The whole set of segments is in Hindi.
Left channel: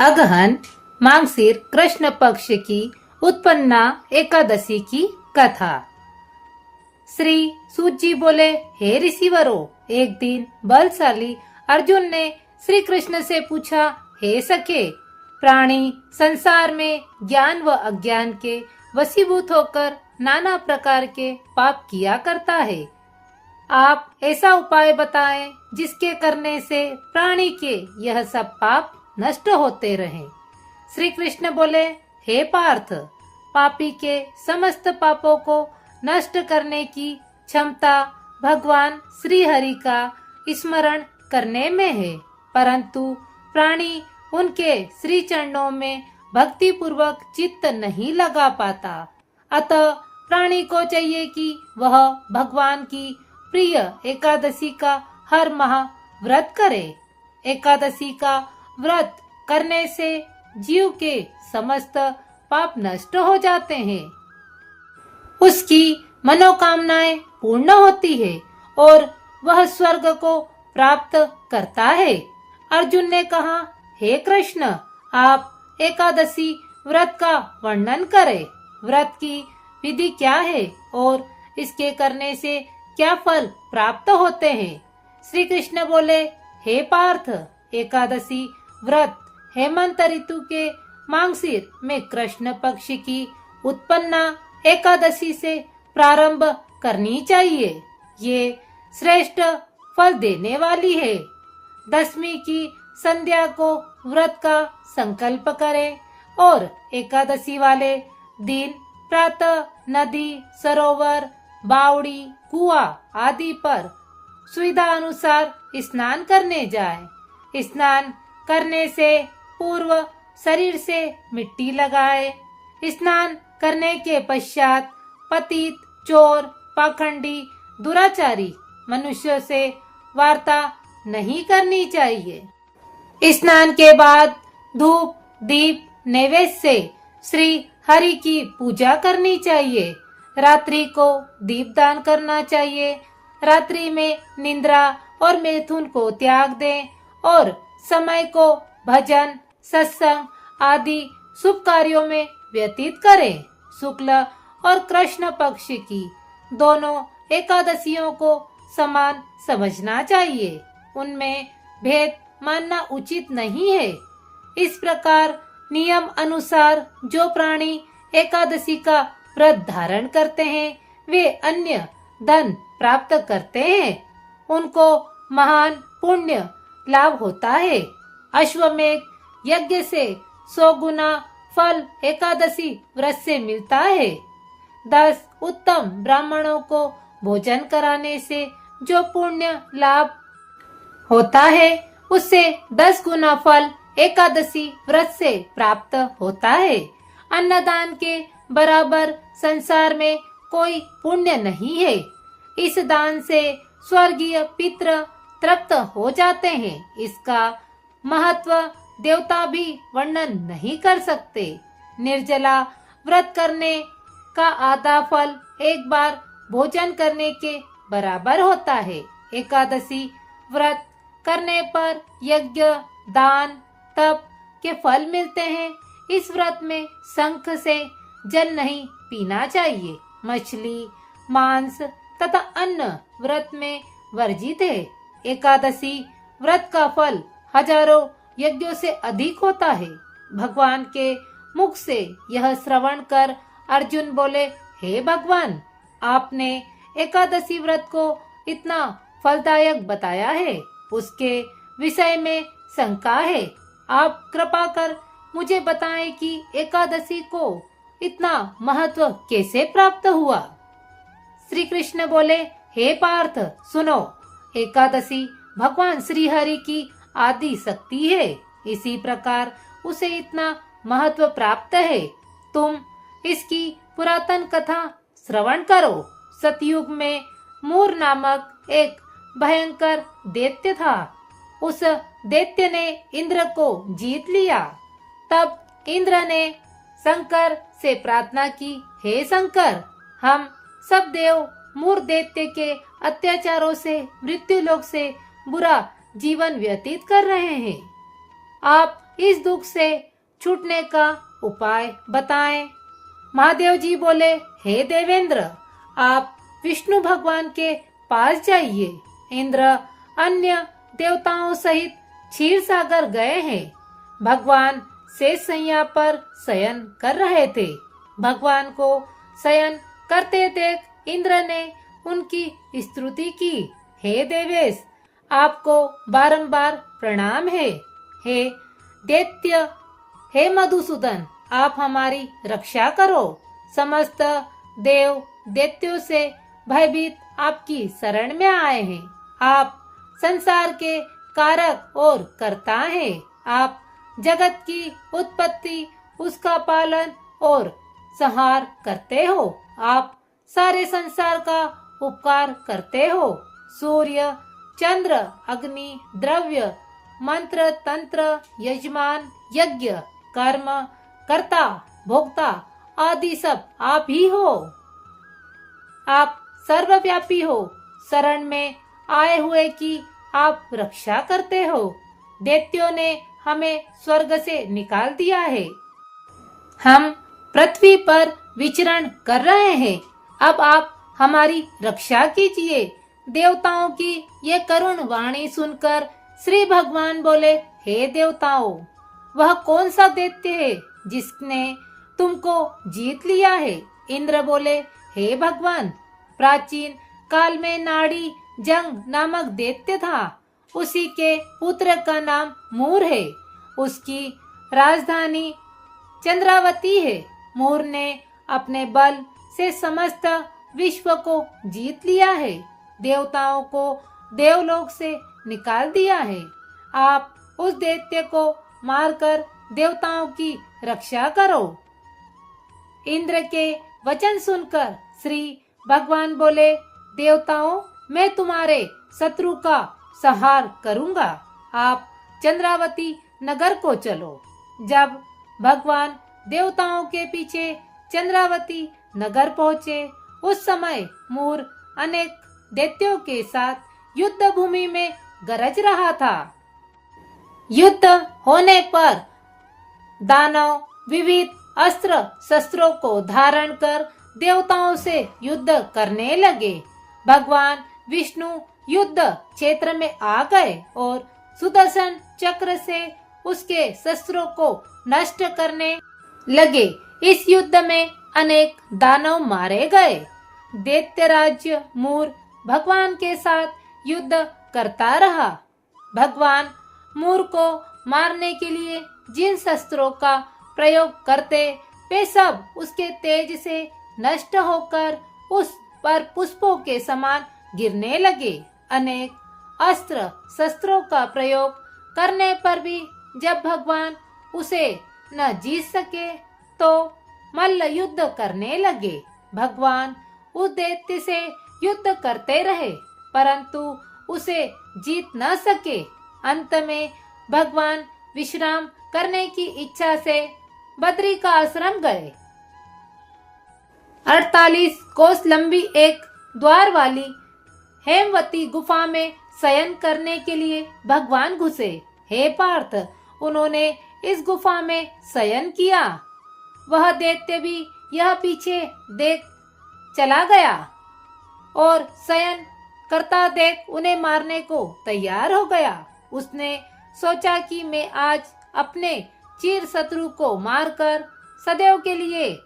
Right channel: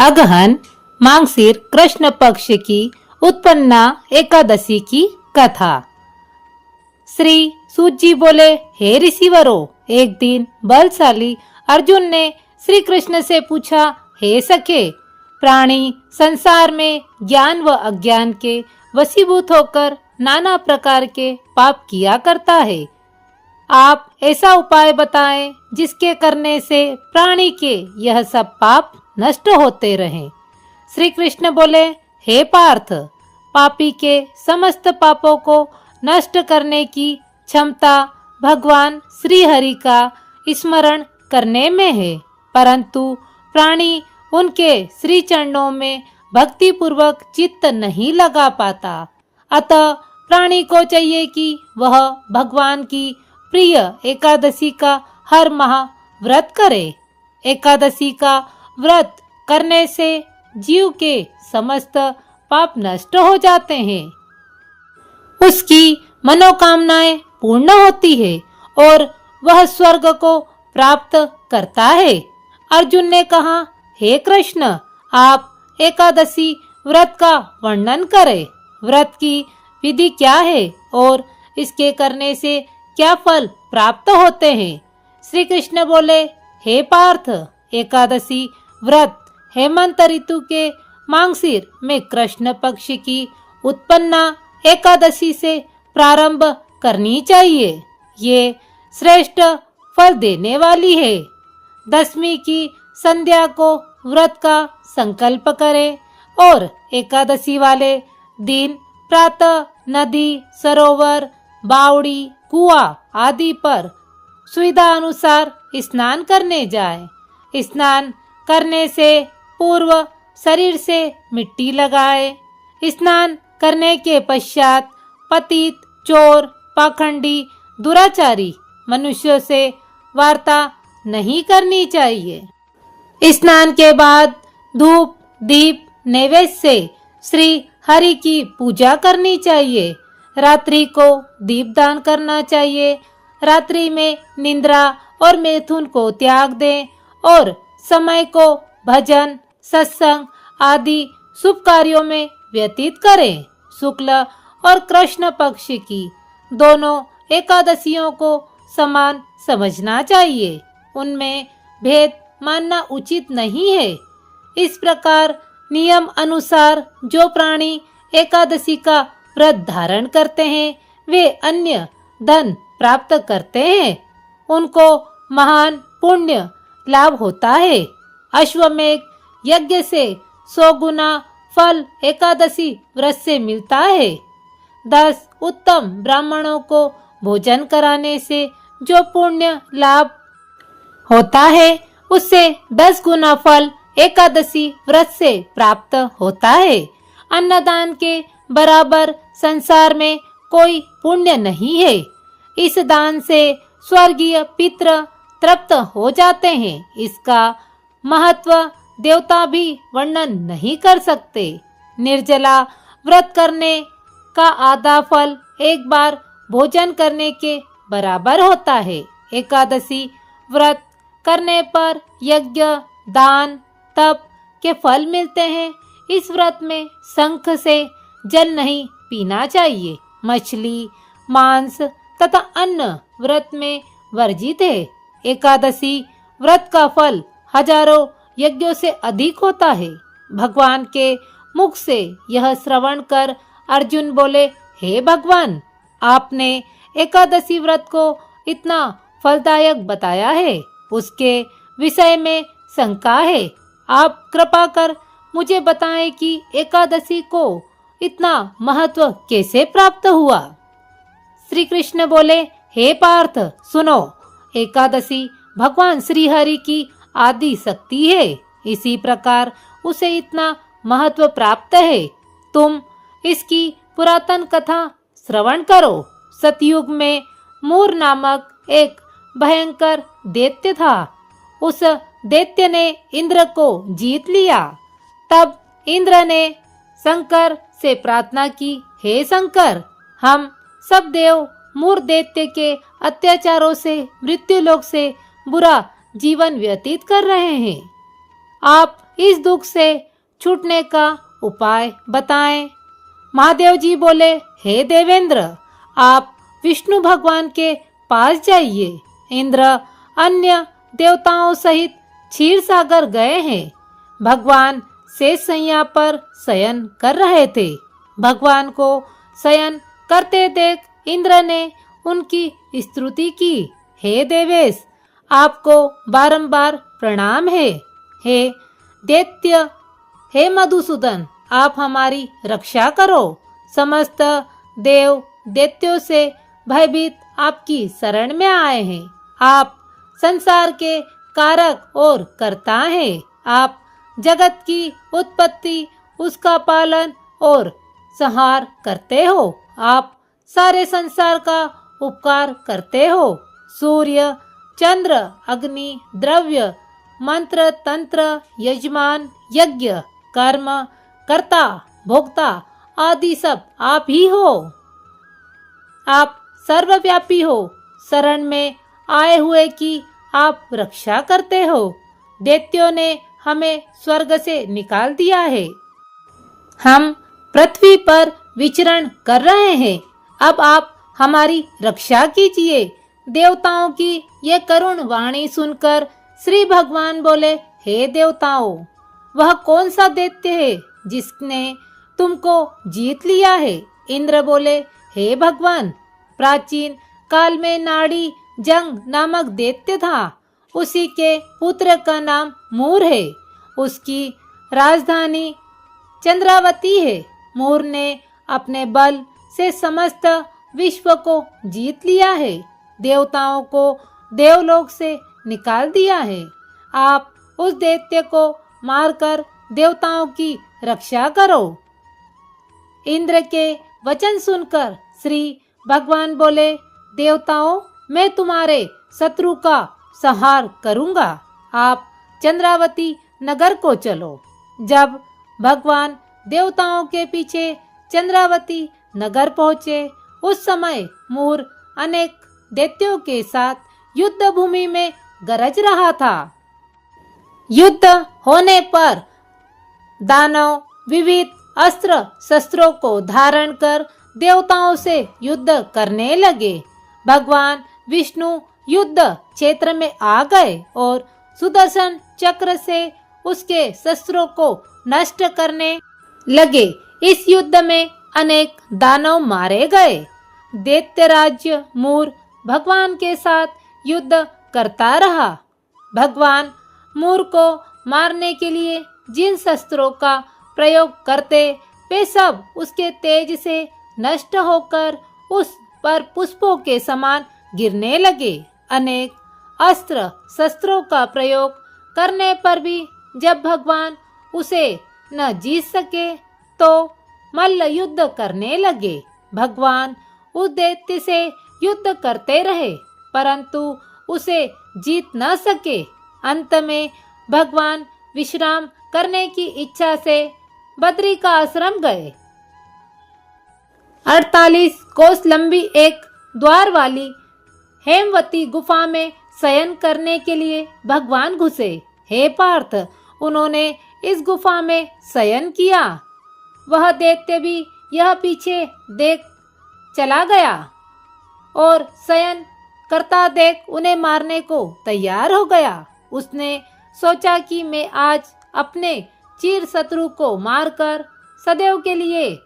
अगहन मांगसिर कृष्ण पक्ष की उत्पन्ना एकादशी की कथा। श्री सूत जी बोले, हे ऋषिवरो, एक दिन बलशाली अर्जुन ने श्री कृष्ण से पूछा, हे सखे, प्राणी संसार में ज्ञान व अज्ञान के वशीभूत होकर नाना प्रकार के पाप किया करता है। आप ऐसा उपाय बताएं जिसके करने से प्राणी के यह सब पाप नष्ट होते रहें। श्री कृष्ण बोले, हे पार्थ, पापी के समस्त पापों को नष्ट करने की क्षमता भगवान श्री हरि का स्मरण करने में है, परंतु प्राणी उनके श्री चरणों में भक्ति पूर्वक चित्त नहीं लगा पाता। अतः प्राणी को चाहिए कि वह भगवान की प्रिय एकादशी का हर माह व्रत करे। एकादशी का व्रत करने से जीव के समस्त पाप नष्ट हो जाते हैं, उसकी मनोकामनाएं पूर्ण होती है और वह स्वर्ग को प्राप्त करता है। अर्जुन ने कहा, हे कृष्ण, आप एकादशी व्रत का वर्णन करें। व्रत की विधि क्या है और इसके करने से क्या फल प्राप्त होते हैं? श्री कृष्ण बोले, हे पार्थ, एकादशी व्रत हेमंत ऋतु के मांगसिर में कृष्ण पक्ष की उत्पन्ना एकादशी से प्रारंभ करनी चाहिए। ये श्रेष्ठ फल देने वाली है। दशमी की संध्या को व्रत का संकल्प करें और एकादशी वाले दिन प्रातः नदी, सरोवर, बावड़ी, कुआं आदि पर सुविधा अनुसार स्नान करने जाएं। स्नान करने से पूर्व शरीर से मिट्टी लगाए। स्नान करने के पश्चात पतित, चोर, पाखंडी, दुराचारी मनुष्यों से वार्ता नहीं करनी चाहिए। स्नान के बाद धूप, दीप, नैवेद्य से श्री हरि की पूजा करनी चाहिए। रात्रि को दीपदान करना चाहिए। रात्रि में निद्रा और मैथुन को त्याग दें और समय को भजन, सत्संग आदि शुभ कार्यों में व्यतीत करें। शुक्ल और कृष्ण पक्ष की दोनों एकादशियों को समान समझना चाहिए। उनमें भेद मानना उचित नहीं है। इस प्रकार नियम अनुसार जो प्राणी एकादशी का व्रत धारण करते हैं, वे अन्य धन प्राप्त करते हैं। उनको महान पुण्य लाभ होता है। अश्वमेध यज्ञ से 100 गुना फल एकादशी व्रत से मिलता है। 10 उत्तम ब्राह्मणों को भोजन कराने से जो पुण्य लाभ होता है, उससे 10 गुना फल एकादशी व्रत से प्राप्त होता है। अन्नदान के बराबर संसार में कोई पुण्य नहीं है। इस दान से स्वर्गीय पितृ तृप्त हो जाते हैं। इसका महत्व देवता भी वर्णन नहीं कर सकते। निर्जला व्रत करने का आधा फल एक बार भोजन करने के बराबर होता है। एकादशी व्रत करने पर यज्ञ, दान, तप के फल मिलते हैं। इस व्रत में शंख से जल नहीं पीना चाहिए। मछली, मांस तथा अन्न व्रत में वर्जित है। एकादशी व्रत का फल हजारों यज्ञों से अधिक होता है। भगवान के मुख से यह श्रवण कर अर्जुन बोले, हे भगवान, आपने एकादशी व्रत को इतना फलदायक बताया है, उसके विषय में शंका है। आप कृपा कर मुझे बताएं कि एकादशी को इतना महत्व कैसे प्राप्त हुआ? श्री कृष्ण बोले, हे पार्थ, सुनो, एकादशी भगवान श्री हरि की आदि शक्ति है। इसी प्रकार उसे इतना महत्व प्राप्त है। तुम इसकी पुरातन कथा श्रवण करो। सतयुग में मूर नामक एक भयंकर दैत्य था। उस दैत्य ने इंद्र को जीत लिया। तब इंद्र ने शंकर से प्रार्थना की, हे शंकर, हम सब देव मूर दैत्य के अत्याचारों से मृत्युलोक से बुरा जीवन व्यतीत कर रहे हैं। आप इस दुख से छूटने का उपाय बताएं। महादेव जी बोले, हे देवेंद्र, आप विष्णु भगवान के पास जाइए। इंद्र अन्य देवताओं सहित क्षीर सागर गए हैं। भगवान शेषशैया पर शयन कर रहे थे। भगवान को शयन करते देख इंद्र ने उनकी स्तुति की। हे देवेश, आपको बारंबार प्रणाम है। हे दैत्य, हे मधुसूदन, आप हमारी रक्षा करो। समस्त देव दैत्यों से भयभीत आपकी शरण में आए हैं। आप संसार के कारक और कर्ता हैं। आप जगत की उत्पत्ति, उसका पालन और संहार करते हो। आप सारे संसार का उपकार करते हो। सूर्य, चंद्र, अग्नि, द्रव्य, मंत्र, तंत्र, यजमान, यज्ञ, कर्म, कर्ता, भोक्ता आदि सब आप ही हो। आप सर्वव्यापी हो। शरण में आए हुए की आप रक्षा करते हो। दैत्यों ने हमें स्वर्ग से निकाल दिया है। हम पृथ्वी पर विचरण कर रहे हैं। अब आप हमारी रक्षा कीजिए। देवताओं की ये करुण वाणी सुनकर श्री भगवान बोले, हे देवताओं, वह कौन सा दैत्य है जिसने तुमको जीत लिया है? इंद्र बोले, हे भगवान, प्राचीन काल में नाड़ी जंग नामक दैत्य था। उसी के पुत्र का नाम मूर है। उसकी राजधानी चंद्रावती है। मूर ने अपने बल से समस्त विश्व को जीत लिया है। देवताओं को देवलोक से निकाल दिया है। आप उस दैत्य को मारकर देवताओं की रक्षा करो। इंद्र के वचन सुनकर श्री भगवान बोले, देवताओं, मैं तुम्हारे शत्रु का संहार करूंगा। आप चंद्रावती नगर को चलो। जब भगवान देवताओं के पीछे चंद्रावती नगर पहुँचे, उस समय मूर अनेक दैत्यों के साथ युद्ध भूमि में गरज रहा था। युद्ध होने पर दानव विविध अस्त्र शस्त्रों को धारण कर देवताओं से युद्ध करने लगे। भगवान विष्णु युद्ध क्षेत्र में आ गए और सुदर्शन चक्र से उसके शस्त्रों को नष्ट करने लगे। इस युद्ध में अनेक दानव मारे गए। दैत्य राज्य मूर भगवान के साथ युद्ध करता रहा। भगवान मूर को मारने के लिए जिन शस्त्रों का प्रयोग करते, वे सब उसके तेज से नष्ट होकर उस पर पुष्पों के समान गिरने लगे। अनेक अस्त्र शस्त्रों का प्रयोग करने पर भी जब भगवान उसे न जीत सके, तो मल्ल युद्ध करने लगे। भगवान उस दैत्य से युद्ध करते रहे, परंतु उसे जीत न सके। अंत में भगवान विश्राम करने की इच्छा से बद्री का आश्रम गए। 48 कोस लंबी एक द्वार वाली हेमवती गुफा में शयन करने के लिए भगवान घुसे। हे पार्थ, उन्होंने इस गुफा में शयन किया। वह दैत्य भी यह पीछे देख चला गया और शयन करता देख उन्हें मारने को तैयार हो गया। उसने सोचा कि मैं आज अपने चिर शत्रु को मारकर सदैव के लिए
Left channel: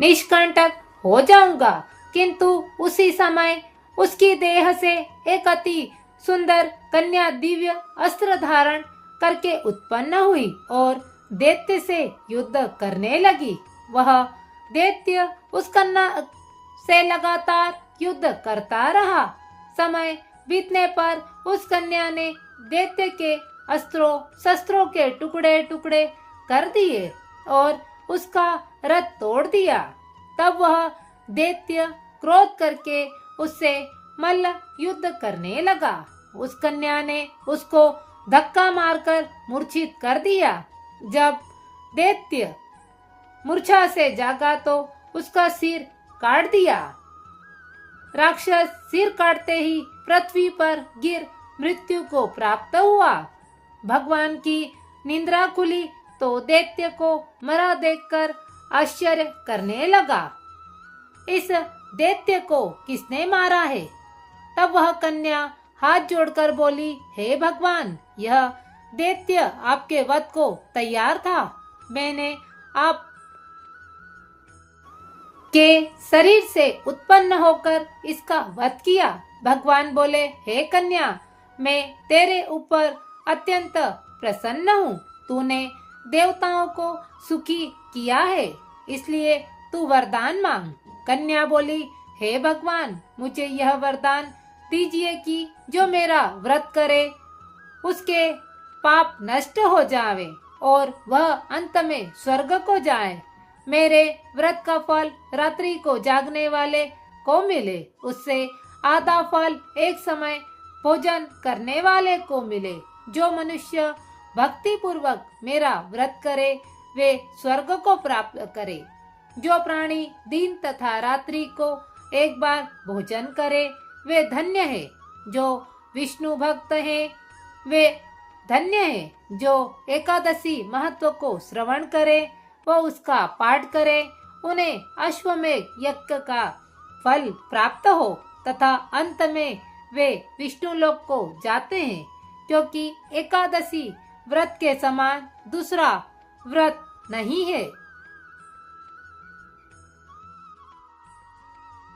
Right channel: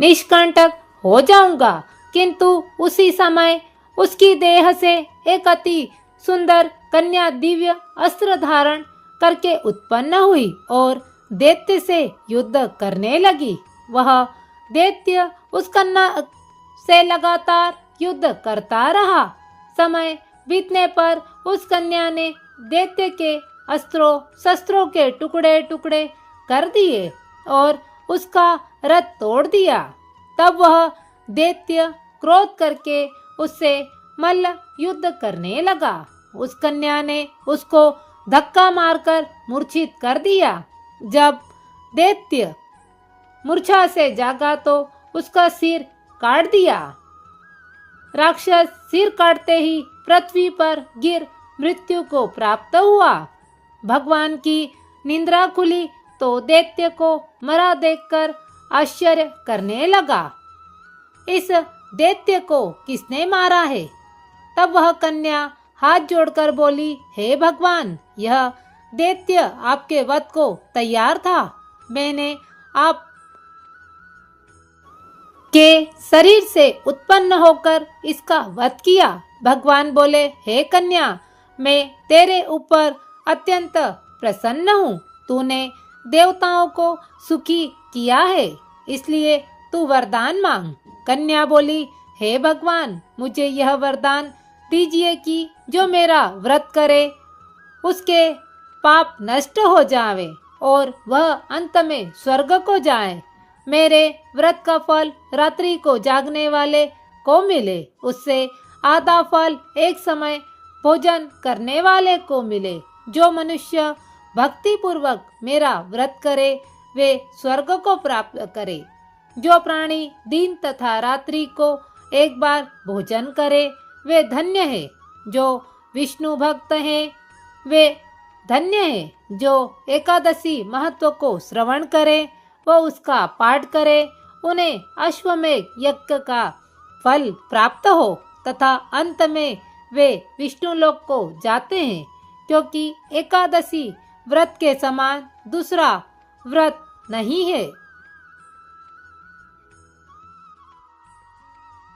निष्कंटक हो जाऊंगा। किंतु उसी समय उसकी देह से एक अति सुंदर कन्या दिव्य अस्त्र धारण करके उत्पन्न हुई और दैत्य से युद्ध करने लगी। वह दैत्य उस कन्या से लगातार युद्ध करता रहा। समय बीतने पर उस कन्या ने दैत्य के अस्त्रों शस्त्रों के टुकड़े टुकड़े कर दिए और उसका रथ तोड़ दिया। तब वह दैत्य क्रोध करके उससे मल्ल युद्ध करने लगा। उस कन्या ने उसको धक्का मारकर मूर्छित कर दिया। जब दैत्य मूर्छा से जागा तो उसका सिर काट दिया। राक्षस सिर काटते ही पृथ्वी पर गिर मृत्यु को प्राप्त हुआ। भगवान की निंद्रा खुली तो दैत्य को मरा देखकर आश्चर्य करने लगा। इस दैत्य को किसने मारा है? तब वह कन्या हाथ जोड़कर बोली, हे भगवान, यह दैत्य आपके वध को तैयार था। मैंने आप के शरीर से उत्पन्न होकर इसका वध किया। भगवान बोले, हे कन्या, मैं तेरे ऊपर अत्यंत प्रसन्न हूँ। तूने देवताओं को सुखी किया है, इसलिए तू वरदान मांग। कन्या बोली, हे भगवान, मुझे यह वरदान दीजिए कि जो मेरा व्रत करे उसके पाप नष्ट हो जावे और वह अंत में स्वर्ग को जाए। मेरे व्रत का फल रात्रि को जागने वाले को मिले, उससे आधा फल एक समय भोजन करने वाले को मिले। जो मनुष्य भक्ति पूर्वक मेरा व्रत करे वे स्वर्ग को प्राप्त करे। जो प्राणी दिन तथा रात्रि को एक बार भोजन करे वे धन्य है। जो विष्णु भक्त हैं वे धन्य है। जो एकादशी महत्व को श्रवण करे व उसका पाठ करे, उन्हें अश्वमेध यज्ञ का फल प्राप्त हो तथा अंत में वे विष्णु लोक को जाते हैं, क्योंकि एकादशी व्रत के समान दूसरा व्रत नहीं है।